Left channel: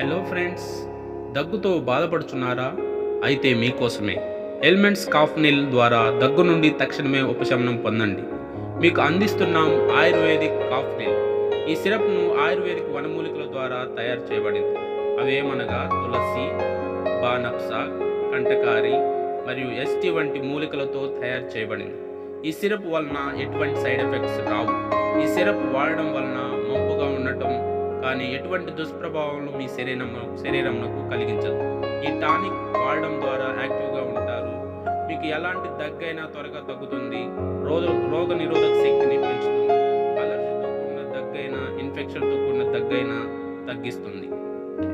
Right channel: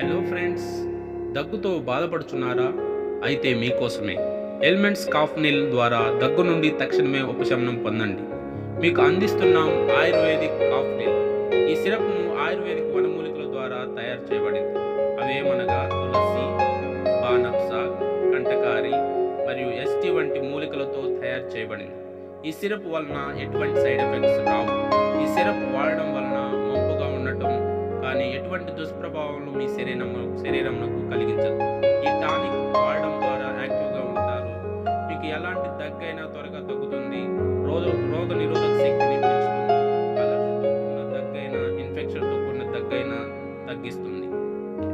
Hello friends, దగ్గుతో బాధపడుచున్నారా? అయితే మీకోసమే elements cough Neel ద్వారా దగ్గు నుండి తక్షణమే ఉపశమనం పొందండి. మీకు అందిస్తున్నాం ఆయుర్వేదిక్ కాఫ్ నీల్. ఈ సిరప్ను ఆయుర్వేదిక్ వనమూలికల ద్వారా తయారు చేయబడింది. అవేమనగా తులసి, బానప్సాక్, కంటకారి మరియు ఎస్టీ వంటి మూలికలతో తయారు చేయబడింది. ఈ సిరప్ వలన ఎటువంటి సైడ్ ఎఫెక్ట్స్ రావు. ఈ సిరప్ వాడడం వలన మంపుగా ఉండటం కానీ ఎటువంటి దుష్ప్రభావాలను మీ శరీరంకు కలిగించదు. ఈ టానిక్ వాడడం ద్వారా యాక్టివ్గా ఉంటారు. మీకు ఎలాంటి దగ్గైనా త్వరగా తగ్గుతుంది. రోగ నిరోధక శక్తిని పెంచుతుంది. అలర్జీతో కూడిన దగ్గైనా, ఇన్ఫెక్షన్తో కూడిన దగ్గైనా తగ్గిస్తుంది.